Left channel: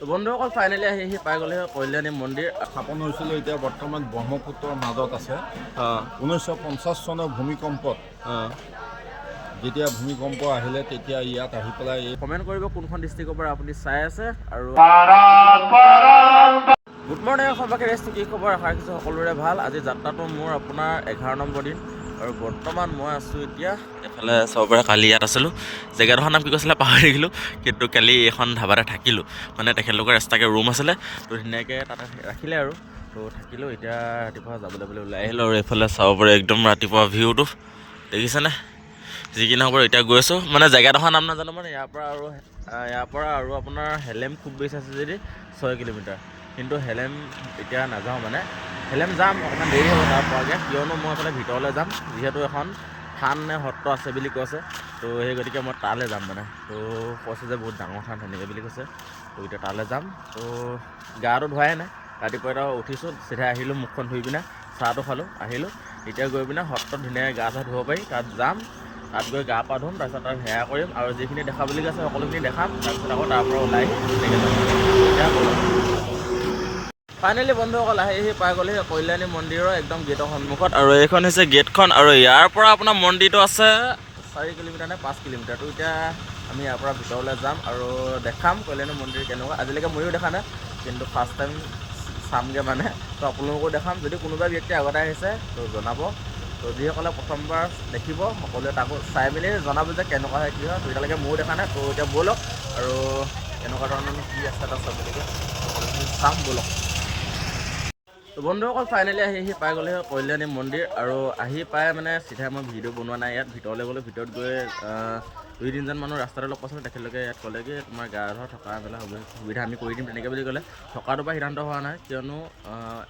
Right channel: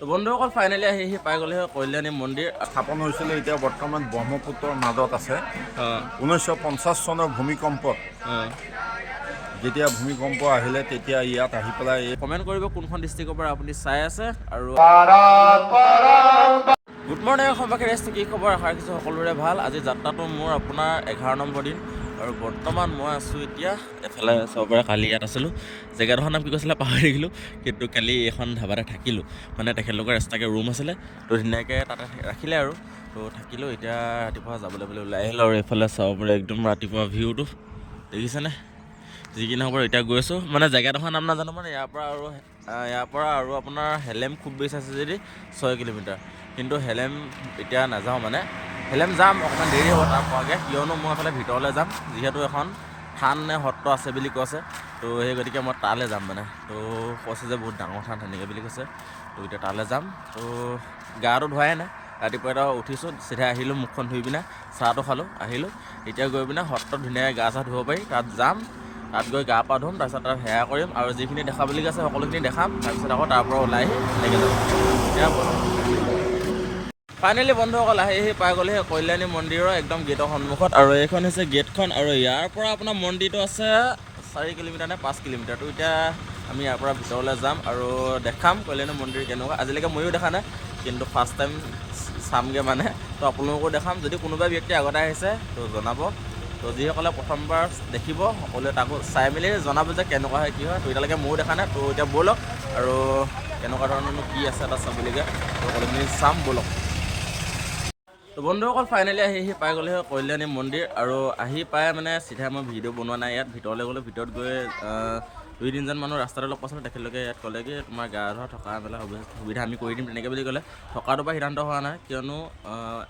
তো বন্ধুসকল ফাইনেলি আহি পাই গ'লে কল্যাণী মন্দিৰ স্থাপন হৈছিলে এতিয়া বৰ্তমান ব্ৰহ্মপুত্ৰৰ মাজত আছে। 1950 চনৰ ভূমিকম্পত যেতিয়া ভূমিকম্প আহিলে তেতিয়া ইয়াত আহি পেলাই কমেণ্ট কৰিব কোনখন ডিষ্ট্ৰিক্টৰ পৰা আপুনি চাই আছে আৰু গুড মৰ্ণিং অসমবাসী ৰেষ্ট কি খবৰ আশা ৰাখিছোঁ সকলোৰে ভাল। আজি যাত্ৰাটো মোৰ আপোনাৰ 11 নম্বৰ দিন আৰু বৰ্তমান মই আছোঁ এতিয়া এইফালে চাব পাৰে। কালি ইয়াত আছিলোঁ, জেগাডোখৰ নাম কি কৈছিলে পাহৰি থাকিলোঁ, কিন্তু কালি এখন ধাবাতে থাকিলোঁ। মানে তেখেতলোকৰ এক্সট্ৰাকৈ ৰুম আছিলে, তো ধুনীয়াকৈ তাতে ৰাখিলে আৰু তো থাকিলোঁ। এতিয়া ৰাতিপুৱা যাবলৈ ওলাই আহিলোঁ আৰু এইফালে চাব পাৰে একদম ৰাতিপুৱা ভিউটো দেখিছেনে। যি কি নহ'ব এতিয়া গৈ আছোঁ, মানে জেগাডোখৰ নাম নাজানো, মানে ইয়াৰ পৰা আৰু আপোনাৰ হেলেম খুব বেছি আছে যদি 6 কিলোমিটাৰ, কিন্তু হেলেম এতিয়া নাযাওঁ, মানে হেলেম যাম অকণমান দেৰি হ'ব তাৰ পৰাকৈ, কিয়নো মই এইফালে ভিতৰলৈ যাম, যিহেতু এখন থান নে সত্ৰ আছে বুলি কৈছে, তো সেই গতিকে মই তালৈ যাম। মানে তো কৈছে যে বহুত ডাঙৰ থান তেনেকৈ বুলি কৈছে, তো এতিয়া তালৈ যাম। তো গাটো ধোৱাই নাই, ৰাতিপুৱা এটা উঠিছোঁ, চিধাই আহিলোঁ, মুখখন ধুই পিনে চাহটো খালোঁ, আহিলোঁ। এতিয়া গৈ পিনে সত্ৰত ধুনীয়াকৈ গা চা ধুব পাৰি, তাত যাম, তাত গৈ গা পা ধুম, তাৰপিছত তাত সেয়া কৰিম আৰু যিখিনি দেখাবলগীয়া আছে সকলোখিনি দেখাম, তাৰপিছত আকৌ তাৰ পৰা ওলাই আহি তেনেকৈ যাম। এতিয়া ব'লক। ফাইনেলি বন্ধুসকল আহি পাই গ'লেহি কল্যাণী মন্দিৰৰ একদম গেটৰ সন্মুখত, আৰু এইখন হৈছে গেটখন, আৰু ইয়াৰ পৰা আপোনাৰ মন্দিৰটো আছে 4 কিলোমিটাৰ নে 5 কিলোমিটাৰ। তো এতিয়া আমি ইয়াৰ পৰা ভিতৰলৈ যাম আৰু দেখাম কল্যাণী মন্দিৰ কেনেকুৱা। আজিলৈকে ময়ো দেখা নাই, কিন্তু ফাৰ্ষ্ট টাইম চামগৈ মানে, তো আপোনালোকো দেখাম। যদি কোনোবা ব্যক্তি আগতে আহিছে তো জনাব, তো যিসকলে প্ৰথমবাৰ দেখিব সকলোৱে তাকো চাই মেলি জনাব যে কেনেকুৱা হয় কি হয়। তো এতিয়ালৈকে ময়ো দেখা নাই, তো এতিয়া ব'লক আৰু কেনেকুৱা ধৰণৰনো কি আছে তাত চাবলগীয়া, তো সকলোখিনি চাম ব'লক। তো বন্ধুসকল ফাইনেলি আহি পাই গ'লেহি কল্যাণী মন্দিৰ, আৰু আহি পাই মানে চিধাই মই ভিডিঅ' বনোৱা নাই, ইয়াত ভিতৰলৈ গ'লোঁ। ভিতৰত গৈ 2-3জন মানুহ ৰাস্তাতে লগ পাইছিলোঁ, তেখেতলোকে ইয়াত ক'লে কি তোমাৰ গা ধোৱা থকা মেলা সুবিধা আমি কৰি দিম তেনেকৈ বুলি ক'লে। থকাটো পৰা সিদ্ধান্ত হোৱা নাই, কিয়নো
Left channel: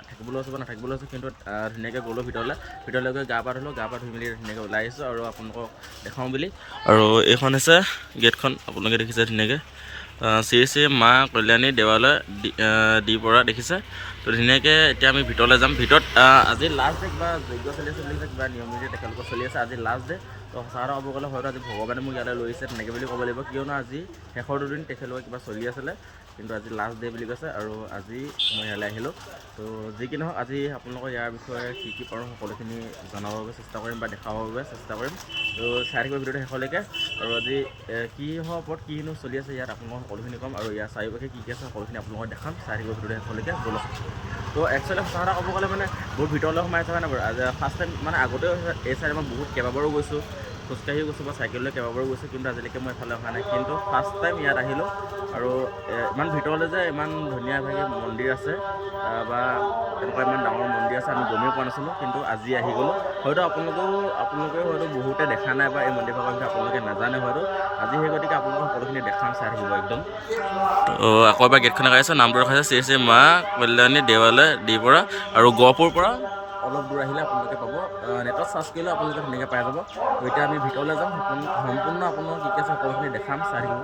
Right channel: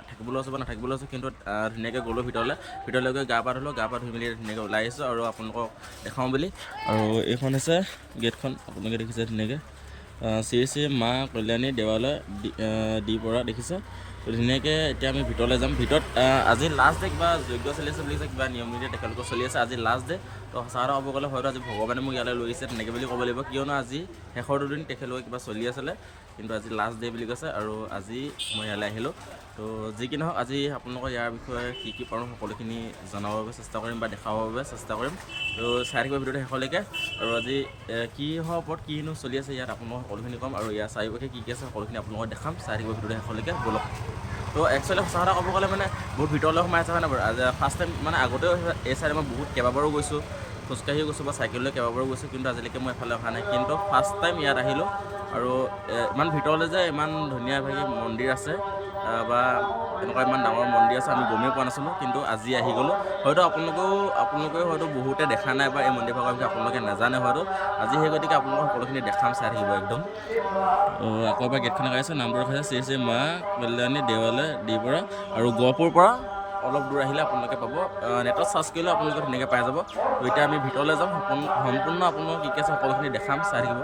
থাকিবলৈ আছে বা নাথাকিবলৈ আছে, কিন্তু ধুনীয়াকৈ গ'লোঁ ভিতৰলৈ গৈ গা পা ধুলোঁ, গা পা ধুই মেলি ধুনীয়াকৈ ওলাই আহিছোঁ আৰু আপোনালোকক দেখাওঁ বুলি। আৰু এইখন হৈছে গেটখন, আপোনালোকে দেখিছে ধুনীয়াকৈ শ্ৰী শ্ৰী মা কল্যাণী দেৱালয় দি পৰা দেখিছে। তো ধুনীয়াকৈ এতিয়া আমি ভিতৰলৈ যাম। ভিতৰত আজি লাষ্ট ডে, কিবা যজ্ঞ চলি আছে বুলি কৈছে, কিবা নিয়ম নীতি তেখেতলোকৰ চলি আছে, আজি লাষ্ট ডে। তো সঁচা কথা ক'ব গ'লে হয়তো আজি ভগৱানে মোক ইয়ালৈ লৈ আহিছে তেনেকৈ বুলি ক'ব লাগিব, কিয়নো আজি শেষৰ দুদিন তেখেতলোকে কিবা চলি আছিলে, কিন্তু আজি লাষ্ট ডে বুলি কৈছে, আৰু আজি মই ইয়ালৈ আহিলোঁ। তো যি কি নহওক আজি আপোনালোকৰ ইয়াৰ বিষয়ে কি পাৰোঁ সকলোখিনি জনাবৰ বাবে চেষ্টা কৰিম বা দেখাবৰ বাবে চেষ্টা কৰিম। তো চাই থাকিব ভিডিঅ'টো শেষলৈকে, আৰু আজি কিহৰ ওপৰত কিনো চলি আছে ইয়াত আপোনালোকক সকলোখিনি ক'ম, আৰু ইয়াৰ চাৰিওপাশে কি আছে সকলোখিনি আপোনালোকক দেখাম। চাই থাকিব ভিডিঅ'টো শেষলৈকে ব'লক। তো একচুৱেলি সঁচা কথা ক'ব গ'লে মানে বহুত ভিতৰলৈ সোমাই আছে হয় নাই বাৰু। আজি ফাৰ্ষ্ট টাইম, মানে আগতেও এই চাইডে মই বহুত কেইবাবাৰো গৈছোঁ, খোজকাঢ়িও গৈছোঁ বা চাইকেললৈ কেইবাবাৰো গৈছোঁ, কিন্তু আজিলৈকে মই এফালে অহা নাই, কিন্তু ফাৰ্ষ্ট টাইম ইয়াত আহিলোঁ। আৰু ইমান ভিতৰলৈ যে ইমান ধুনীয়াভাৱে মন্দিৰ আছে বা এনেকুৱা ইমান ডাঙৰ মন্দিৰ আছে আমি গমেই পোৱা নাছিলোঁ, কিন্তু আজি আহি গ'লোঁ। হয়তো আপোনালোকেও হয়তো বহুতে দেখা নাই বা এই মন্দিৰভাগৰ বিষয়ে আপোনালোকে নাজানে হয়তো, আজি সেই গতিকে আপোনালোকক সকলোখিনি দেখাম, চাই থাকিব একদম। তো আকৌ এবাৰ গেটখন দেখাইছোঁ, নামটো ৰখাইছে শ্ৰী শ্ৰী মা কল্যাণী দেৱালয় দি পৰা, আৰু গহপুৰৰ পৰা অলপ দূৰ আহিলে আপোনালোকে পাব, নেটত চাৰ্চ কৰিলেও আপোনালোকে ধুনীয়াকৈ পাই যাব। তো এতিয়া আমি ভিতৰলৈ যাম, সম্পূৰ্ণ আপোনালোকক কি আছে সকলোখিনি দেখাম, চাই থাকিব।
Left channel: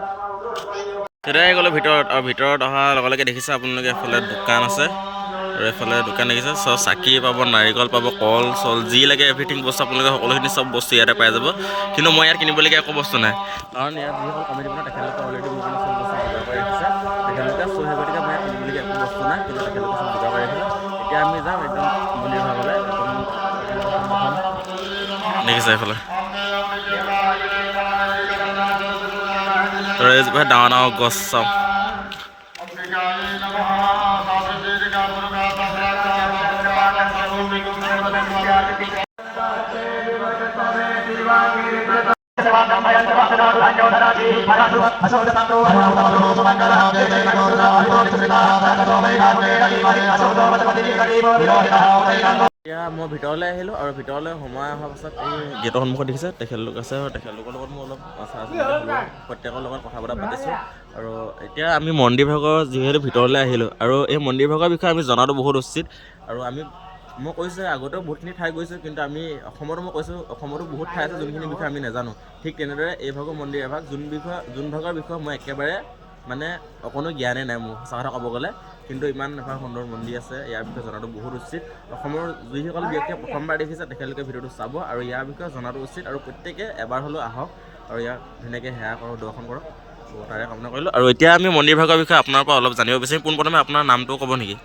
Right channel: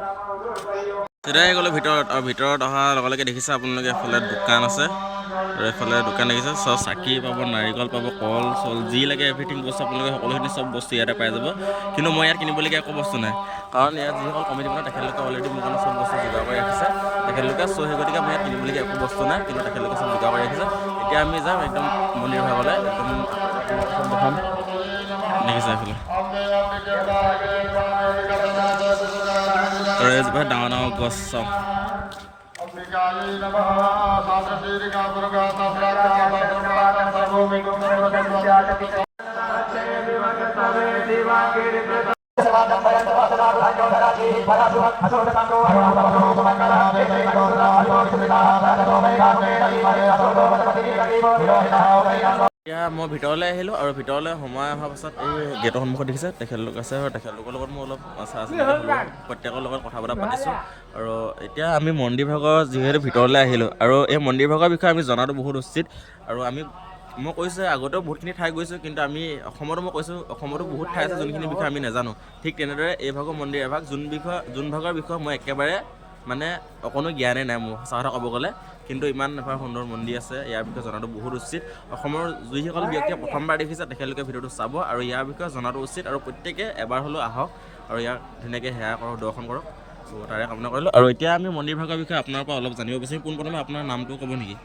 তেতিয়াই গ'লোঁ ভিতৰত, আৰু ভিতৰত অহাৰ লগে লগে দেখিছে আপোনালোকে এফালে দোকান আছে, আৰু এইফালে দোকান দেখিছে, চব চাকি পাব, নাৰিকল পাব, কল চল যি লাগে এভৰিথিং বস্তু আপোনালোকে সকলোখিনি চব বস্তু ইয়াতে পাই যাব। কিন্তু মই ইয়াত কিনিবলগীয়া একো বস্তু নাই, কাৰণ ইয়াত যিসকল কমিটি বনাই তেখেতলোকে অলৰেডি মোৰ কাৰণে চব বস্তু যোগাৰ কৰি ৰাখিছে তেখেতলোকে, চ' সেই গতিকে মই ইয়াত কিনিবলগীয়া একো বস্তু নাই, কিন্তু তেখেতলোকে চব যোগাৰ কৰি ৰাখিছে। এতিয়া আমি যাম একদম মন্দিৰ ভাগলৈ, একদম দেখিছে এইফালে, আৰু এইজোপা ডাঙৰ ডাঙৰ গছ চাওঁ। এতিয়া মই ভিতৰলৈ আহিলোঁ, আৰু ভিতৰলৈ সোমাই অহাৰ পাছত এই গেটৰ সন্মুখত দেখিছে তেখেতলোক আছে, আৰু তেখেতলোকৰ লগত মই অলপ হ'লোঁ, প্ৰত্যেকৰ লগত কথা বতৰা পাতিছোঁ। আৰু এতিয়া আমি মন্দিৰভাগৰ যিহেতু ভিতৰলৈ আহিলোঁ, আৰু এই মন্দিৰভাগৰ বিষয়ে আমি জনাটো বহুত উচিত। আৰু মই কৈছোঁ আগতেও বহুতখিনি ঠাই গৈছোঁ, কিন্তু আমি অসমতো বহুত ঠাই আছে যোনখিনি বিষয়ে আমি নাজানো। ঠিক তেনেদৰে এই ভাগৰ মন্দিৰ এভাগ যোন ভাগৰ বিষয়ে মই একেবাৰে মানে অকণো জ্ঞানেই নাই মোৰ, সঁচা কথা ক'ব গ'লে। কিন্তু ইমান এভাগ সুন্দৰ মন্দিৰ আছে, ইয়াৰ বিষয়ে জনাটো বহুত উচিত। অসমৰ যিসকল ব্যক্তিয়ে প্ৰথমবাৰ দেখিছে তেখেতলোকে ভিডিঅ'টো চাব, আৰু ইয়াৰ বিষয়ে জনাটো উচিত, আৰু প্ৰত্যেকে এবাৰ হ'লেও আহক আৰু ইয়াক ধুনীয়াকৈ সেৱা কৰক, দৰ্শন কৰক। চ' তো তাৰে কামনা কৰিলোঁ। আৰু এতিয়া আমি মন্দিৰভাগৰ বিষয়ে আপোনাৰ পৰা অলপ জানিব বিচাৰিম। পোনপ্ৰথমে আপোনাৰ নামটো ক'ব নেকি?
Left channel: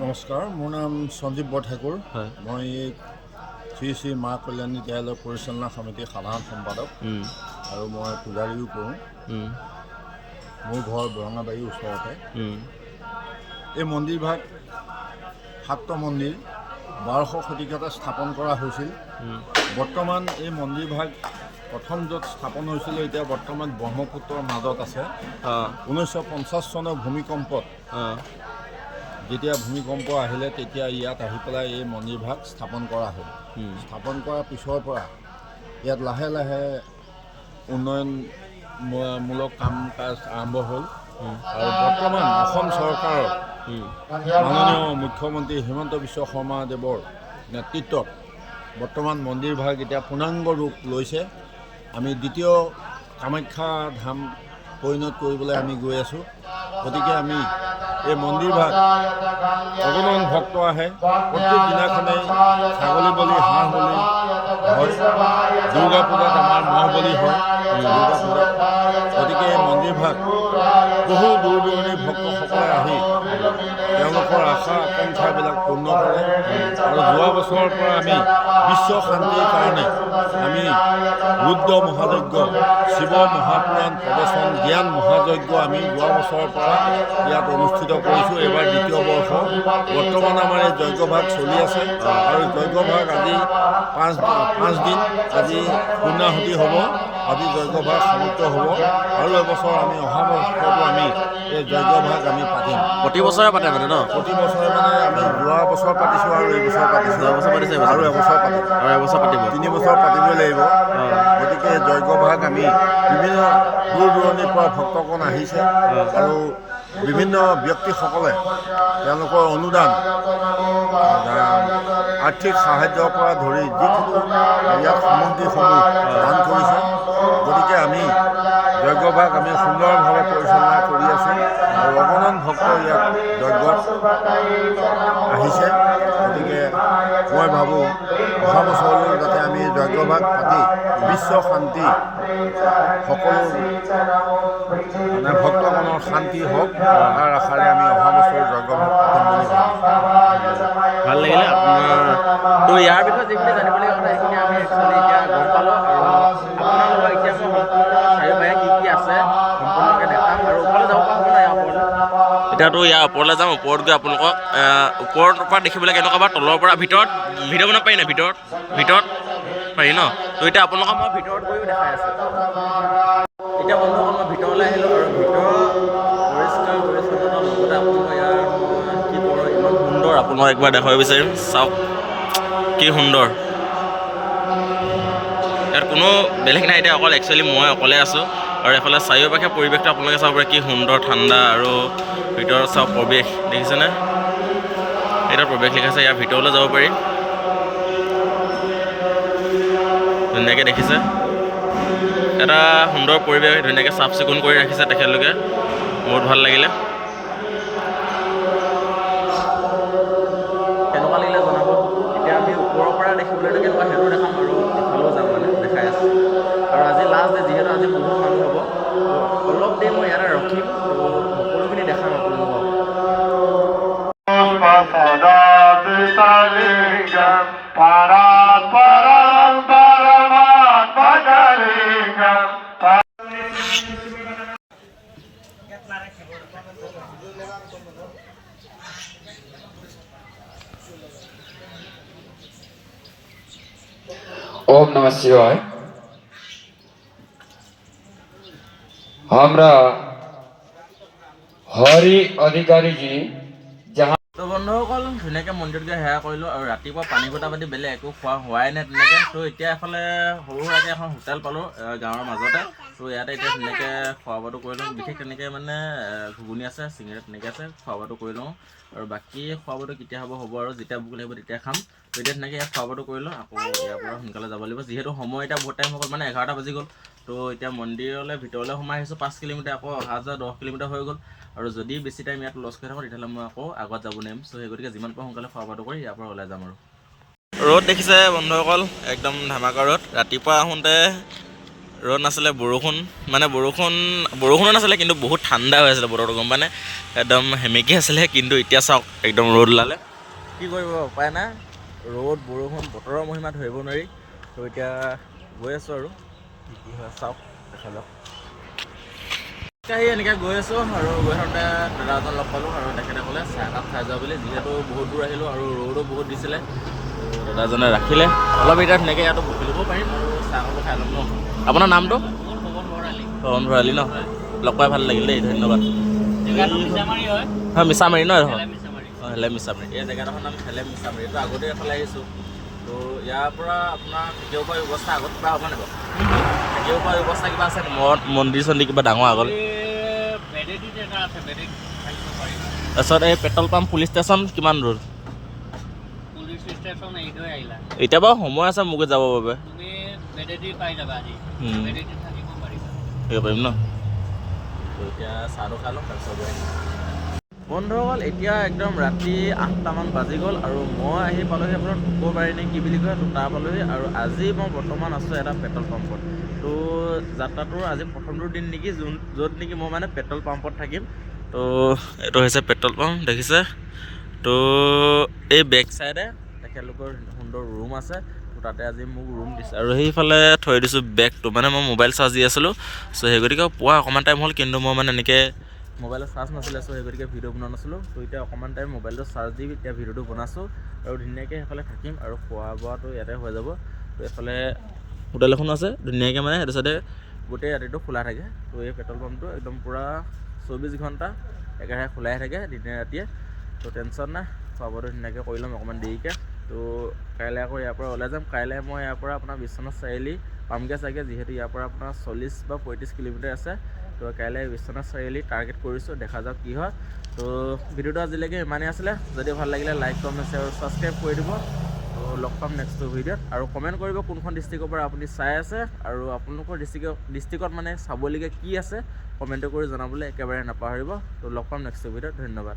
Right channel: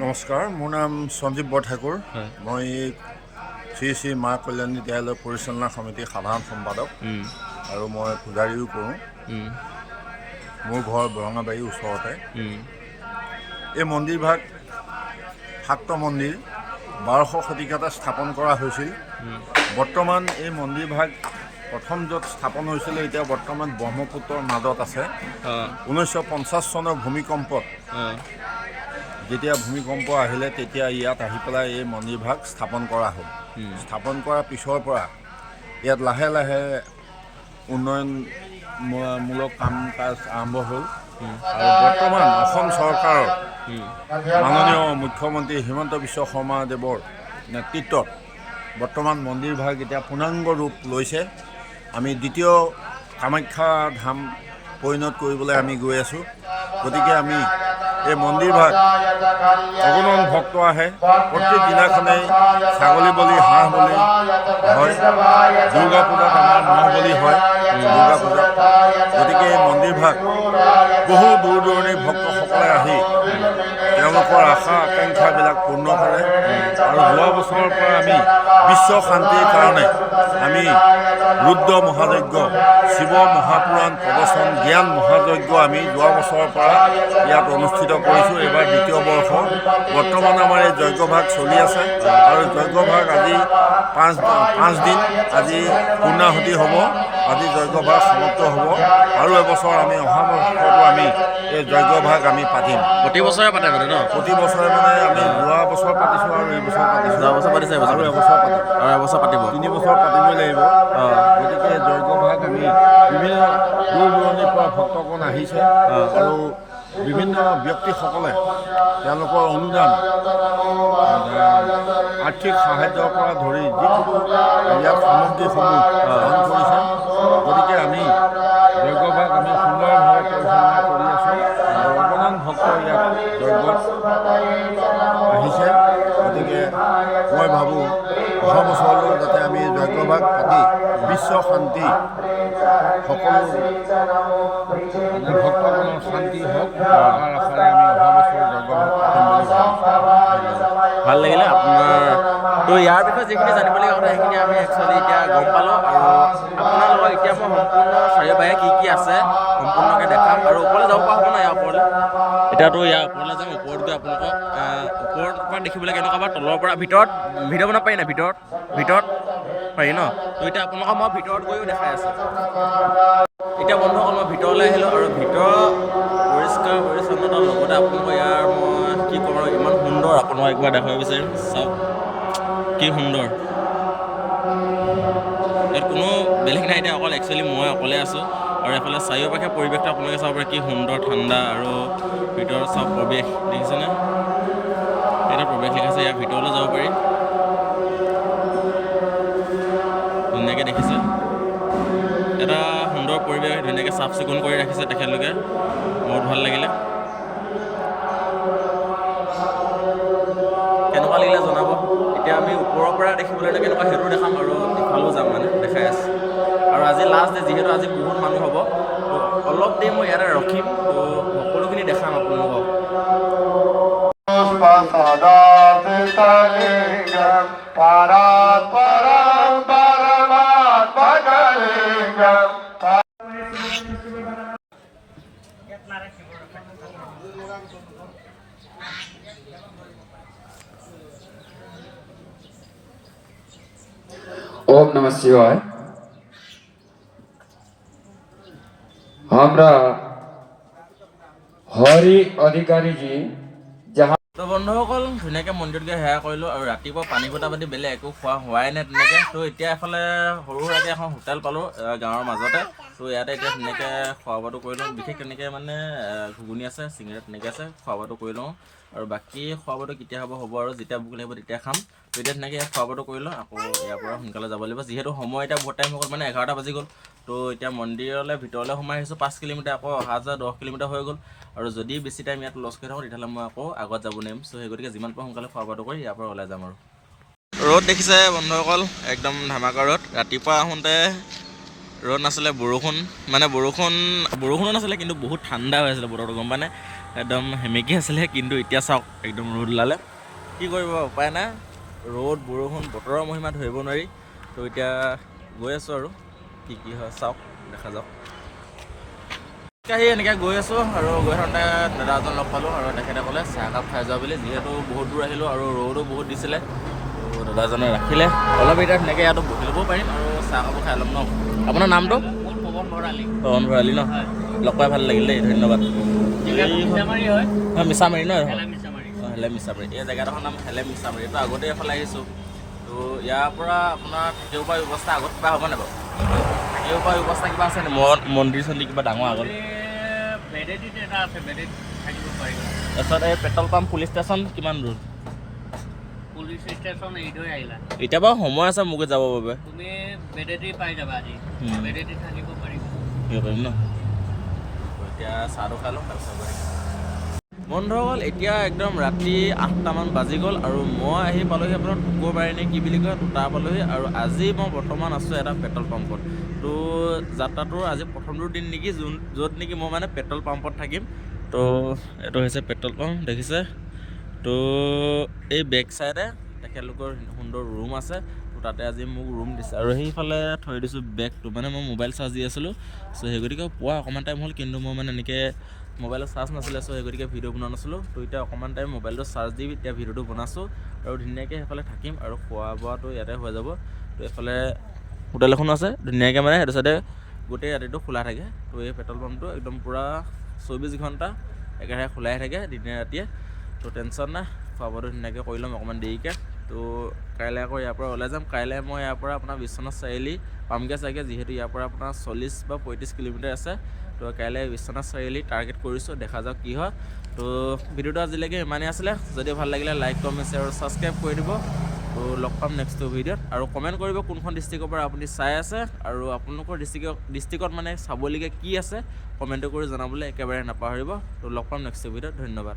নমস্কাৰ, মোৰ নাম সঞ্জীৱ বৰঠাকুৰ। হয়। মই শ্ৰী শ্ৰী মা কল্যাণী বিদ্যালয় পৰিচালনা সমিতিৰ সাধাৰণ সম্পাদক আৰু মই পূজাৰীও কৰোঁ। মোৰ ঘৰ বৰঙাবাৰীৰ ওচৰতে। এই মন্দিৰভাগ শাক্ত মন্দিৰ 1200 শতিকাতে স্থাপন কৰা হৈছিল। বৰ্তমান এই মন্দিৰভাগ প্ৰথম য'ত স্থাপন হৈছিলে এতিয়া বৰ্তমান ব্ৰহ্মপুত্ৰৰ মাজত আছে। 1950 চনৰ ভূমিকম্পত যেতিয়া ভূমিকম্প আহিলে তেতিয়া ইয়াত আহি পেলাই এই মন্দিৰভাগ স্থাপন কৰা হ'ল। স্থাপন কৰাৰ পিছৰ পৰা ইয়াত লাহে লাহে উন্নয়নমূলক কাম কাজ আৰম্ভ হ'ল আৰু বৰ্তমান অসম চৰকাৰৰ মাননীয় মুখ্যমন্ত্ৰী হিমন্ত বিশ্ব শৰ্মাদেৱৰ নেতৃত্বত বৰ্তমান মন্দিৰভাগ এতিয়া পূৰ্ণাংগ ৰূপ লৈছে। আমি দ্বিতীয় কামাখ্যা ধাম পৰিণত কৰিবলৈ আমি গৈ আছোঁ। গতিকে আমি এই মন্দিৰভাগ অগণন ভক্ত আহে। প্ৰত্যেক দিনাখনেই ছাগলী বলি, হাঁহ বলি হয়। দুৰ্গা পূজাত আমাৰ ম'হ বলি হয় দুৰ্গা পূজাত। গতিকে এই মন্দিৰভাগ বহু দূৰ দূৰণিৰ ভক্তসকলে আহি তেওঁলোকৰ আশা আকাংক্ষাবিলাক পূৰ্ণ কৰে। আৰু যোৱা বছৰৰ পৰা আমি বিশ্ব শান্তিৰ কাৰণে আমি ৰুদ্ৰ মহাযজ্ঞ, শিৱ মহাপুৰাণ প্ৰবচন, জ্ঞান মহাযজ্ঞ আমি যোৱা বছৰৰ পৰা ইয়াত অনুষ্ঠিত কৰিছোঁ। এইবাৰ দ্বিতীয় বৰ্ষ। বৰ্তমান আমাৰ এই যজ্ঞভাগ চলি আছে আৰু যজ্ঞভাগ আজি পাঁচ দিন আজি পূৰ্ণাহুতি হ'ব। আজি যজ্ঞভাগ সমাপ্ত হ'ব আৰু এবছৰ আমি অহা বছৰতো আমি এই যজ্ঞভাগ আমি পাতিম। প্ৰতি বছৰে পাতে মানে ন? প্ৰতি বছৰে মানে আমি যোৱা বছৰ পাতিছোঁ আৰু এই বছৰ পাতিছোঁ। যোৱা বছৰ পাতিছে, আৰু এবছৰ পাতিম। আৰু এবছৰ পাতিব। 3 বছৰ পাতিবই লাগিব। গতিকে যজ্ঞভাগ আমি বিভিন্ন দূৰ দূৰণিৰ পৰা ভক্তগণ আহিছে আৰু বিভিন্ন ব্যক্তিসকলে তেওঁলোকৰ অনুদান, আৰ্থিক সাহায্যৰ পৰা ধৰি যিকোনো ইয়াত সামগ্ৰীসমূহ দান কৰিছে। গতিকে আমি যজ্ঞভাগ আমি সুন্দৰভাৱে পৰিচালনা কৰি আছোঁ আৰু অগণন ভক্ত ইয়াত যজ্ঞত আহিছে। গতিকে মই ভাবোঁ অহা বছৰলৈ যাতে আমি যজ্ঞভাগ পাতি বিশ্ব শান্তি সকলো মানে ভক্তগণৰ শান্তি হওক তাৰ আশাৰে আমি অহা বছৰ যজ্ঞভাগ পাতিম বুলি ভাবিছোঁ। ভাল লাগিলে আপোনাৰ তো ইয়াৰ বিষয়ে যিখিনি জানিবলগীয়া কথা সেইখিনি আমি একচুৱেলি এতিয়া গম পালোঁ। আৰু আপোনাৰ লগত এতিয়া মই সম্পূৰ্ণ চাৰিওফালে কি কি আছে সম্পূৰ্ণকৈ দেখাম আৰু ওপৰলৈ যাব পৰা হ'ব নাই ইয়াৰ ওপৰলৈ? এতিয়াতো ইয়াৰ ওপৰলৈ যাম। ওপৰত গৈ আপোনালোকক ওপৰৰ পৰা দেখিবলৈ কেনেকুৱা বা তলৰ পৰা ভিতৰত ভিডিঅ' বনাব পাৰি নাই? ভিতৰত পাৰি ন? তো এতিয়া আপোনালোকক মই ভিতৰত গৈও দেখাই আছোঁ। এতিয়া বন্ধুসকল মই ভিতৰলৈ আহিলোঁ আৰু ভিতৰত পৰিষ্কাৰ পৰিচ্ছন্নতাৰ লগতে আপোনালোকৰ ইয়াৰ মই কি ক'ম আৰু ইমান সুন্দৰ আপোনালোকক একবাৰ দেখাব বিচাৰিম। চাওক কি সুন্দৰ। ইয়াত কোনো বেলেগ নাই, এতিয়া অকল একচুৱেলি মই অকলে আছোঁ আৰু এফালে চাৰিওপাশে পৰিৱেশটো আপোনালোকে চাব পাৰে কি সুন্দৰ ঠাণ্ডা আৰু ভিতৰত চাওক প্ৰৱেশ দেখিছেনে? এতিয়া প্ৰৱেশ লিখাইছে, ইয়াৰ ভিতৰলৈ যাব পাৰি। ধুনীয়াকৈ দেখিছে এটা সুন্দৰ পৰিৱেশ, ধুনীয়াকৈ চাফ চিকুণ কৰি ৰাখিছে তেখেতলোকে, বহুত ভাল লাগিলে। কেনেকুৱা লাগিলে জনাব। এতিয়া আমি ওপৰৰ পৰা দেখিবলৈ কেনেকুৱা সেইটো দেখাম আৰু ইফালেও যাম মানে দেখাই আছোঁ। আৰু আজি লাষ্ট ডে যিহেতু আজি বহুত মানুহ হ'ব, তো অলপ দেৰি মই ইয়াতে ৰখিম, তো সকলোখিনি দেখাম আপোনালোকক। ओम नमः शिवाय। हमरा हरि अधिकारी जी जहाँ তো বন্ধুসকল ধুনীয়াকৈ মন্দিৰত গৈ সেৱা কৰিলোঁ আৰু ৰাতিপুৱা পানী বটা পাতি বেলেগ একো খোৱা হোৱাই নাই তেনেকৈ। তো এতিয়া এফালে সৰু সুৰাকৈ এখন হোটেল পালোঁ গাঁৱৰ মাজতে। তো ইয়াতে এতিয়া ধুনীয়াকৈ খোৱা বোৱাটো কৰি লওঁ। বিশেষ তেনেকৈ মানে ঘুগুনি আছে, চিঙৰা তেনেকৈ আছে, খোৱা বোৱাটো কৰি লওঁ। আৰু বাকী খোৱা বোৱাটো কেতিয়া হ'ব আৰু যেতিয়া ভোক লাগিব তেতিয়া খাম। তো এতিয়া ধুনীয়াকৈ ইয়াত খোৱা বোৱাটো কৰি লওঁ, আকৌ ইয়াৰ পৰা সোনকালে যাব লাগিব যিহেতু সময় এতিয়া বহুত টাইম হৈ গ'ল, মানে 11টা বাজি গ'ল। তো এতিয়া মন্দিৰলৈ ভিতৰলৈ সোমাই আহিছোঁ 5 কিলোমিটাৰ, আকৌ অহা যোৱা 10 কিলোমিটাৰ হৈ গ'ল। আৰু যদি বেছি টাইম ইয়াত লছ কৰি থাকোঁ তেতিয়াহ'লে মই আকৌ আগত যাব নোৱাৰিম। চ' সেই গতিকে যিমান পাৰোঁ সোনকালে খোৱা বোৱাটো কৰি ইয়াৰ পৰা ওলাই যাম। আৰু ৰ'দ দেখিছে বন্ধুসকল, একদম ধামাকা ৰ'দ। ৰাতিপুৱা আহোঁতে ৰ'দ নাছিলে, বৰষুণো নাছিলে, কিন্তু বহুত ঠাণ্ডা হৈ আছিলে বতৰটো, গম পায়নে? একদম সেমেকি আছিলে, কিন্তু এতিয়া চাওক একদম ৰ'দ ওলালে। কি কৰিব উপায় নাই, ৰ'দ বৰষুণ বতৰৰ মহিমা ধৰিব নোৱাৰি। তো এতিয়া গৈ আছোঁ আৰু কি হয় চাওক, দেখা যাওক। আহি এনেকৈ গৈ আছোঁ আৰু গৈ থাকোঁতে দাদা এজন লগ পালোঁ আৰু তেখেতে ক'লে চাহ একাপ খাই যোৱা বুলি, যিহেতু বহুত দূৰ আহিলোঁ আৰু ৰ'দো বহুত দিছিলে। তো দাদাজনে ৰাখিলে, অলপ এতিয়া ধুনীয়াকৈ ইয়াতো বহি ল'ব পাৰিম আৰু চাহ একাপো খাই ল'ম ন। আপোনাৰ নামটো? পৱন ভৰালী ন? লগ পাই ভাল লাগিল দেই, ধন্যবাদ। হয় মিছামাৰী ন? অঁ হেলেম মিছামাৰী। এই জেগাডোখৰ নাম হেলেম মিছামাৰী। এইটো আগতে এফালে আহিছোঁ। তো ইয়াৰ পৰা আপোনাৰ থাকিব পৰা ব্যৱস্থা আগত কিবা হ'ব নাই বাৰু? থাকিব পৰা ব্যৱস্থা কিবা আছে নে? মন্দিৰ চন্দিৰ কিবা ডাঙৰ আগলৈ? তাৰপিছত এই পেট্ৰল পাম্প পুলিচ ষ্টেচন কিমান দূৰ? পুলিচ ষ্টেচন এৰি আহিলা। এতিয়া বাৰু সময় আছে মোক যাবৰ বাবে। তুমি বেডেদি পাই যাবা আজি। বেডেদি থাকিব পাৰিবা। থাকিব পাৰিম ন? তো এতিয়া চাহটো খাই লওঁ, তাৰপিছত গৈ থাকিম। বন্ধুসকল, এতিয়া একদম ৰাতি 8টামান বাজি গ'ল আৰু মই আহি পালোহি আপোনাৰ টুকৰবাৰী নে কি বুলি কয়, তো তাৰ পালোহি। আৰু আজি মই বৰ্তমান আছোঁ এটা পেট্ৰল পাম্পত। তো যাত্ৰাটোৰ আজি প্ৰথমটো দিন নেকি, য'ত নেকি মই মানে পেট্ৰল পাম্পত থাকিম। তো এইটো হৈছে পেট্ৰল পাম্প, দেখিছে? তো এই বেক চাইডে তেখেতলোকৰ সুন্দৰ ৰুম আছে। তো তাতে আজি মোক ৰুম দিছে আৰু সেইফালে থৈ দিছোঁ বেগটো, মানে মই মোবাইল চাৰ্জ দি আছিলোঁ। চ' সেই গতিকে পোৱা অকণমান টাইম হ'ল, কিন্তু মই মানে এনেকৈ মোবাইলত চাৰ্জ নাছিলে, চ' সেই গতিকে ভিডিঅ' বনোৱা নাছিলোঁ। তো এতিয়া অকণমান টাইম মোবাইলটো চাৰ্জ দি এতিয়া ভিডিঅ'টো বনাইছোঁ আৰু ধুনীয়াকৈ সেইফালে থাকিম আৰু খোৱা বোৱাটো ইয়াতে হৈ যাব। তো এইফালে হোটেল এখনো আছে ধুনীয়াকৈ, মানে সেইটো চাইডে গোটেই ৰাতিটো খোলা থাকে। তো এই পেট্ৰল পাম্পটো একদম পূৰা 24 ঘণ্টা একেৰাহে খোলাই থাকে দিনে ৰাতিয়ে। তো টেনশ্যন নাই, খোৱা বোৱাটো ধুনীয়াকৈ কৰি ল'ম অকণমান দেৰিকৈ। তো কাইলৈ আকৌ ইয়াৰ পৰা ওলাই যাম। কাইলৈ মই ইয়াৰ পৰা আপোনাৰ বিশ্বনাথ চাৰিআলি পামগৈ চাগে, যিহেতু ইয়াৰ পৰা আপোনাৰ 40 বা 35 কিলোমিটাৰ আছে। তো কাইলৈ বিশ্বনাথ চাৰিআলি টাৰ্গেট কৰিছোঁ, দেখা যাওক কি হয়। তো ভিডিঅ'টো আজিলৈকে ইমানেই আছিলে। যদি ভাল লাগিলে লাইক কমেণ্ট শ্বেয়াৰ আৰু ছাবস্ক্ৰাইব কৰি দিব। তো লগ পাম নেক্সট ভিডিঅ'ত, আৰু কমেণ্ট কৰিব কোনখন ডিষ্ট্ৰিক্টৰ পৰা আপুনি চাই আছে আৰু আপোনালোকৰ ডিষ্ট্ৰিক্টত মানে চাবলগীয়া কি আছে, কমেণ্ট কৰি জনাবলৈ একেবাৰে নাপাহৰিব। তো লগ পাম নেক্সট ভিডিঅ'ত, ধন্যবাদ।